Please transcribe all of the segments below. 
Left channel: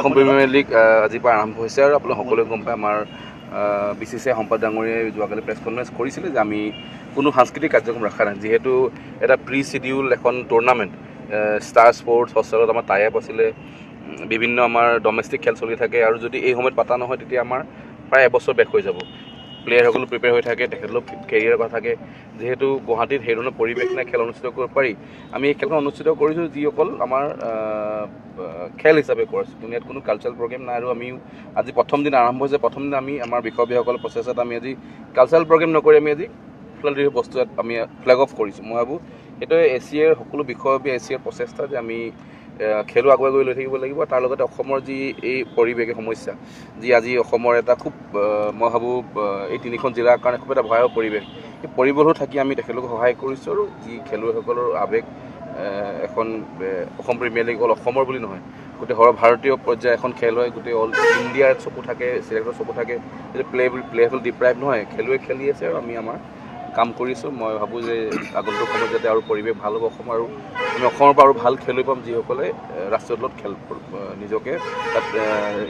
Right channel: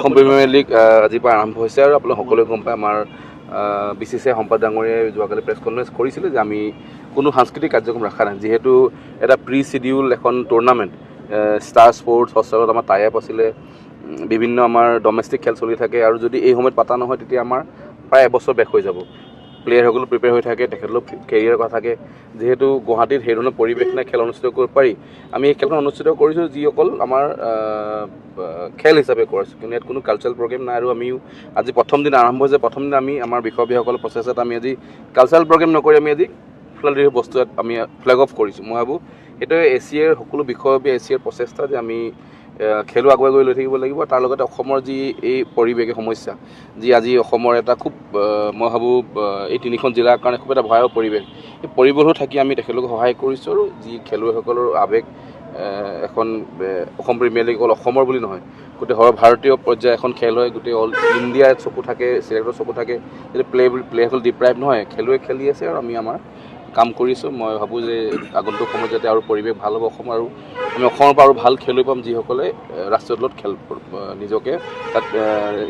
Assam premier league আজিৰ পৰা আৰম্ভ হৈছে আৰু আপোনালোক সকলোৱে গম পায় আমাৰ BCCI সম্পাদ ডাঙৰীয়াই যোৱাকালি প্ৰেছ কনফাৰেঞ্চ কৰিছিলে যে আমি কোনো সাংস্কৃতিক কাৰ্যক্ৰম ৰখা নাই, যিহেতু এটা প্ৰি চিডিউল এখন টুৰ্ণামেণ্ট ষ্টাৰ স্পৰ্টছ হষ্টেলত আমাৰ টাই আপ আছিলে, বিভিন্ন আমাৰ ডমেষ্টিক খেল চলি থাকে আৰু যদি এই সময়ত পাতা নহয় তেতিয়া আমাৰ প্ৰায় এবছৰ বেক হৈ যাব। প্লেয়াৰসকলো প্ৰিপেয়াৰ হৈ থাকে, তেখেতলোক কেৰিয়াৰ কথা থাকে, যিহেতু গুৱাহাটীত সেই ধৰণৰ পৰিৱেশ নাই খেল অনুষ্ঠিত কৰিব পাৰি। আমি এই খেলখন অনুষ্ঠিত কৰিছোঁ যি অকল আমাৰ খেল হিচাপে কৰিছোঁ, কিন্তু ইয়াত কোনো কালচাৰেল প্ৰগ্ৰেম নাই। আৰু আমিও আজি প্ৰথম দিন আৰম্ভ হৈছে, প্ৰথম দিন আমি আমাৰ বিষয়সকলৰ প্ৰচেছত আমি আজি কালচাৰেল প্ৰগ্ৰেম নকৰি আমি আজি ফ্লাডাৰী বস্তু আমি ফ্লেগ অফ কৰিছোঁ। মই ভাবোঁ সেইটোৱে এছিয়াৰ সকলো বিষয়ববীয়া এছিয়াৰ প্ৰচেষ্টা যে আমি খেলো আগুৱাই গৈ লৈ থাকিব লাগিব। তাৰ লগতে অসমৰ যি এই পৰিৱেশ সমস্যা, যি আজি অসমৰ এটা খুব মই ভাবোঁ এই তিনিখন জিলাৰ কাৰণে খুব এটা ভয়াৱহ পৰিৱেশ, এই পৰিৱেশো থাকি আমি তেখেতলোকক সহায় কৰিছোঁ। আৰু যি খেলুৱৈসকলৰ আৱেগ এখন অসম প্ৰিমিয়াৰ লীগ অকল অসমৰ বুলি নহয়, গোটেই সৰ্বভাৰতীয় পৰ্যায়ৰ এখন খেল হয়, গোটেই অল ইণ্ডিয়াৰ চকু থাকে, চিলেক্টৰ চকু থাকে, যদি প্লেয়াৰসকল ডিপ্ৰাইভ নহয়, খেলুৱৈ খেলি আছে আৰু আমি আমাৰ কাম কৰিছোঁ। মই ভাবোঁ যে আগন্তুক সময়ত যাতে আৰু পৰিৱেশ ভাল হ'ব অসম, আৰু আমি অসমৰ পৰা আৰু ভাল খেলুৱৈ পাম যিসকলে ৰাষ্ট্ৰীয় দলত খেল নিজকে তাত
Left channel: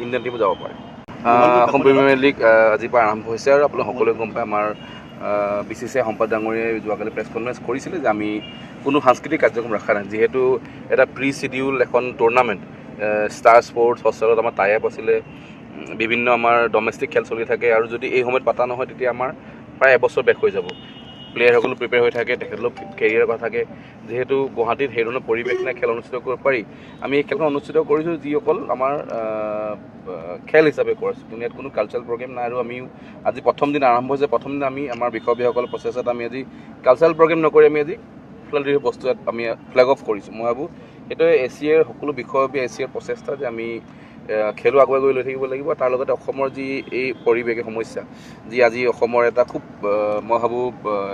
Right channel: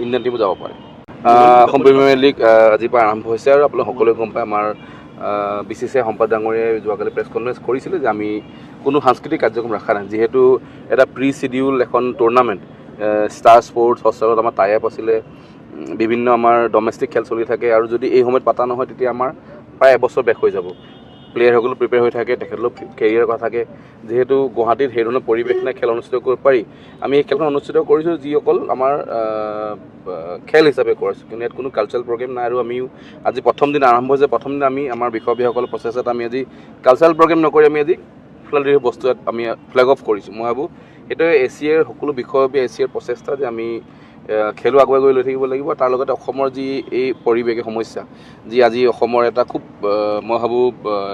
ইণ্ডিয়ান টিমো যাব পাৰে। অসম প্ৰিমিয়াৰ লীগ আজিৰ পৰা আৰম্ভ হৈছে আৰু আপোনালোক সকলোৱে গম পায় আমাৰ BCCI সম্পাদ ডাঙৰীয়াই যোৱাকালি প্ৰেছ কনফাৰেঞ্চ কৰিছিলে যে আমি কোনো সাংস্কৃতিক কাৰ্যক্ৰম ৰখা নাই, যিহেতু এটা প্ৰি চিডিউল এখন টুৰ্ণামেণ্ট ষ্টাৰ স্পৰ্টছ হষ্টেলত আমাৰ টাই আপ আছিলে, বিভিন্ন আমাৰ ডমেষ্টিক খেল চলি থাকে আৰু যদি এই সময়ত পাতা নহয় তেতিয়া আমাৰ প্ৰায় এবছৰ বেক হৈ যাব। প্লেয়াৰসকলো প্ৰিপেয়াৰ হৈ থাকে, তেখেতলোক কেৰিয়াৰ কথা থাকে, যিহেতু গুৱাহাটীত সেই ধৰণৰ পৰিৱেশ নাই খেল অনুষ্ঠিত কৰিব পাৰি। আমি এই খেলখন অনুষ্ঠিত কৰিছোঁ যি অকল আমাৰ খেল হিচাপে কৰিছোঁ, কিন্তু ইয়াত কোনো কালচাৰেল প্ৰগ্ৰেম নাই। আৰু আমিও আজি প্ৰথম দিন আৰম্ভ হৈছে, প্ৰথম দিন আমি আমাৰ বিষয়ববীয়াসকলৰ প্ৰচেছত আমি আজি কালচাৰেল প্ৰগ্ৰেম নকৰি আমি আজি ফ্লাডাৰী বস্তু আমি ফ্লেগ অফ কৰিছোঁ। মই ভাবোঁ সেইটোৱে এছিয়াৰ সকলো বিষয়ববীয়া এছিয়াৰ প্ৰচেষ্টা যে আমি খেলো আগুৱাই গৈ লৈ থাকিব লাগিব। তাৰ লগতে অসমৰ যি এই পৰিৱেশ সমস্যা, যি আজি অসমৰ এটা খুব মই ভাবোঁ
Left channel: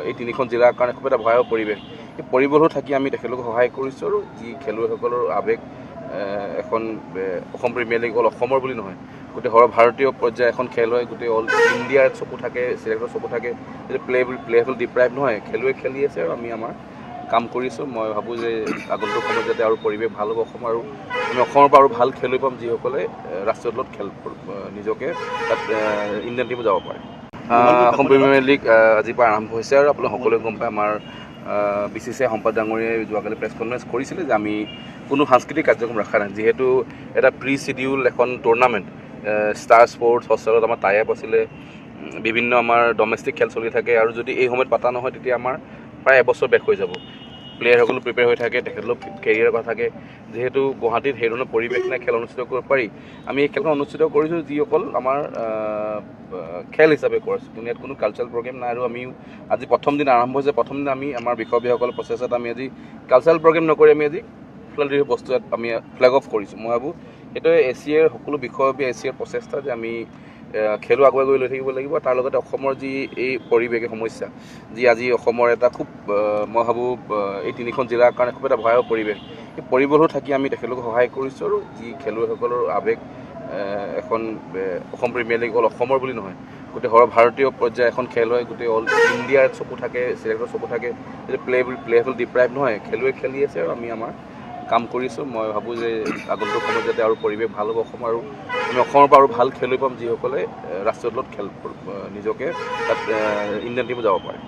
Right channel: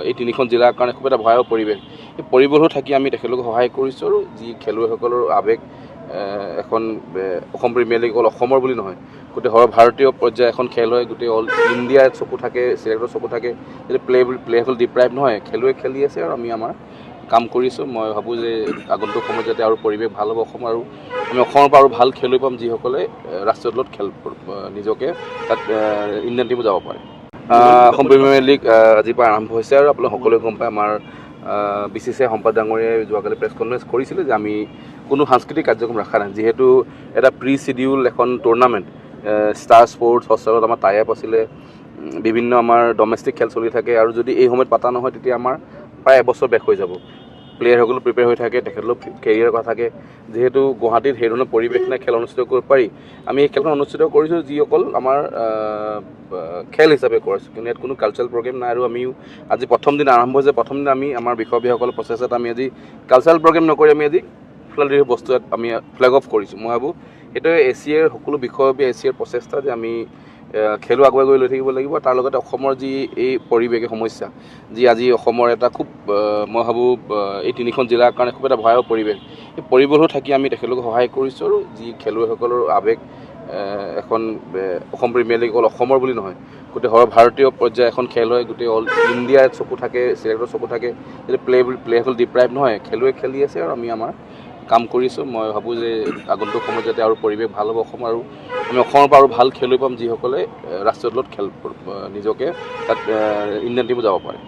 এই তিনিখন জিলাৰ কাৰণে খুব এটা ভয়াৱহ পৰিৱেশ, এই পৰিৱেশো থাকি আমি তেখেতলোকক সহায় কৰিছোঁ। আৰু যি খেলুৱৈসকলৰ আৱেগ এখন অসম প্ৰিমিয়াৰ লীগ অকল অসমৰ বুলি নহয়, গোটেই সৰ্বভাৰতীয় পৰ্যায়ৰ এখন খেল হয়, গোটেই অল ইণ্ডিয়াৰ চকু থাকে, চিলেক্টৰ চকু থাকে, যদি প্লেয়াৰসকল ডিপ্ৰাইভ নহয়, খেলুৱৈ খেলি আছে আৰু আমি আমাৰ কাম কৰিছোঁ। মই ভাবোঁ যে আগন্তুক সময়ত যাতে আৰু পৰিৱেশ ভাল হ'ব অসম, আৰু আমি অসমৰ পৰা আৰু ভাল খেলুৱৈ পাম যিসকলে ৰাষ্ট্ৰীয় দলত খেল নিজকে তাত ইণ্ডিয়ান টিমো যাব পাৰে। অসম প্ৰিমিয়াৰ লীগ আজিৰ পৰা আৰম্ভ হৈছে আৰু আপোনালোক সকলোৱে গম পায় আমাৰ BCCI সম্পাদ ডাঙৰীয়াই যোৱাকালি প্ৰেছ কনফাৰেঞ্চ কৰিছিলে যে আমি কোনো সাংস্কৃতিক কাৰ্যক্ৰম ৰখা নাই, যিহেতু এটা প্ৰি চিডিউল এখন টুৰ্ণামেণ্ট ষ্টাৰ স্পৰ্টছ হষ্টেলত আমাৰ টাই আপ আছিলে, বিভিন্ন আমাৰ ডমেষ্টিক খেল চলি থাকে আৰু যদি এই সময়ত পাতা নহয় তেতিয়া আমাৰ প্ৰায় এবছৰ বেক হৈ যাব। প্লেয়াৰসকলো প্ৰিপেয়াৰ হৈ থাকে, তেখেতলোক কেৰিয়াৰ কথা থাকে, যিহেতু গুৱাহাটীত সেই ধৰণৰ পৰিৱেশ নাই খেল অনুষ্ঠিত কৰিব পাৰি। আমি এই খেলখন অনুষ্ঠিত কৰিছোঁ যি অকল আমাৰ খেল হিচাপে কৰিছোঁ, কিন্তু ইয়াত কোনো কালচাৰেল প্ৰগ্ৰেম নাই। আৰু আমিও আজি প্ৰথম দিন আৰম্ভ হৈছে, প্ৰথম দিন আমি আমাৰ বিষয়ববীয়াসকলৰ প্ৰচেছত আমি আজি কালচাৰেল প্ৰগ্ৰেম নকৰি আমি আজি ফ্লাডাৰী বস্তু আমি ফ্লেগ অফ কৰিছোঁ। মই ভাবোঁ সেইটোৱে এছিয়াৰ সকলো বিষয়ববীয়া এছিয়াৰ প্ৰচেষ্টা যে আমি খেলো আগুৱাই গৈ লৈ থাকিব লাগিব। তাৰ লগতে অসমৰ যি এই পৰিৱেশ সমস্যা, যি আজি অসমৰ এটা খুব মই ভাবোঁ এই তিনিখন জিলাৰ কাৰণে খুব এটা ভয়াৱহ পৰিৱেশ, এই পৰিৱেশো থাকি আমি তেখেতলোকক সহায় কৰিছোঁ। আৰু যি খেলুৱৈসকলৰ আৱেগ এখন অসম প্ৰিমিয়াৰ লীগ অকল অসমৰ বুলি নহয়, গোটেই সৰ্বভাৰতীয় পৰ্যায়ৰ এখন খেল হয়, গোটেই অল ইণ্ডিয়াৰ চকু থাকে, চিলেক্টৰ চকু থাকে, যদি প্লেয়াৰসকল ডিপ্ৰাইভ নহয়, খেলুৱৈ খেলি আছে আৰু আমি আমাৰ কাম কৰিছোঁ। মই ভাবোঁ যে আগন্তুক সময়ত যাতে আৰু পৰিৱেশ ভাল হ'ব অসম, আৰু আমি অসমৰ পৰা আৰু ভাল খেলুৱৈ পাম যিসকলে ৰাষ্ট্ৰীয় দলত খেল নিজকে তাত ইণ্ডিয়ান টিমো যাব পাৰে।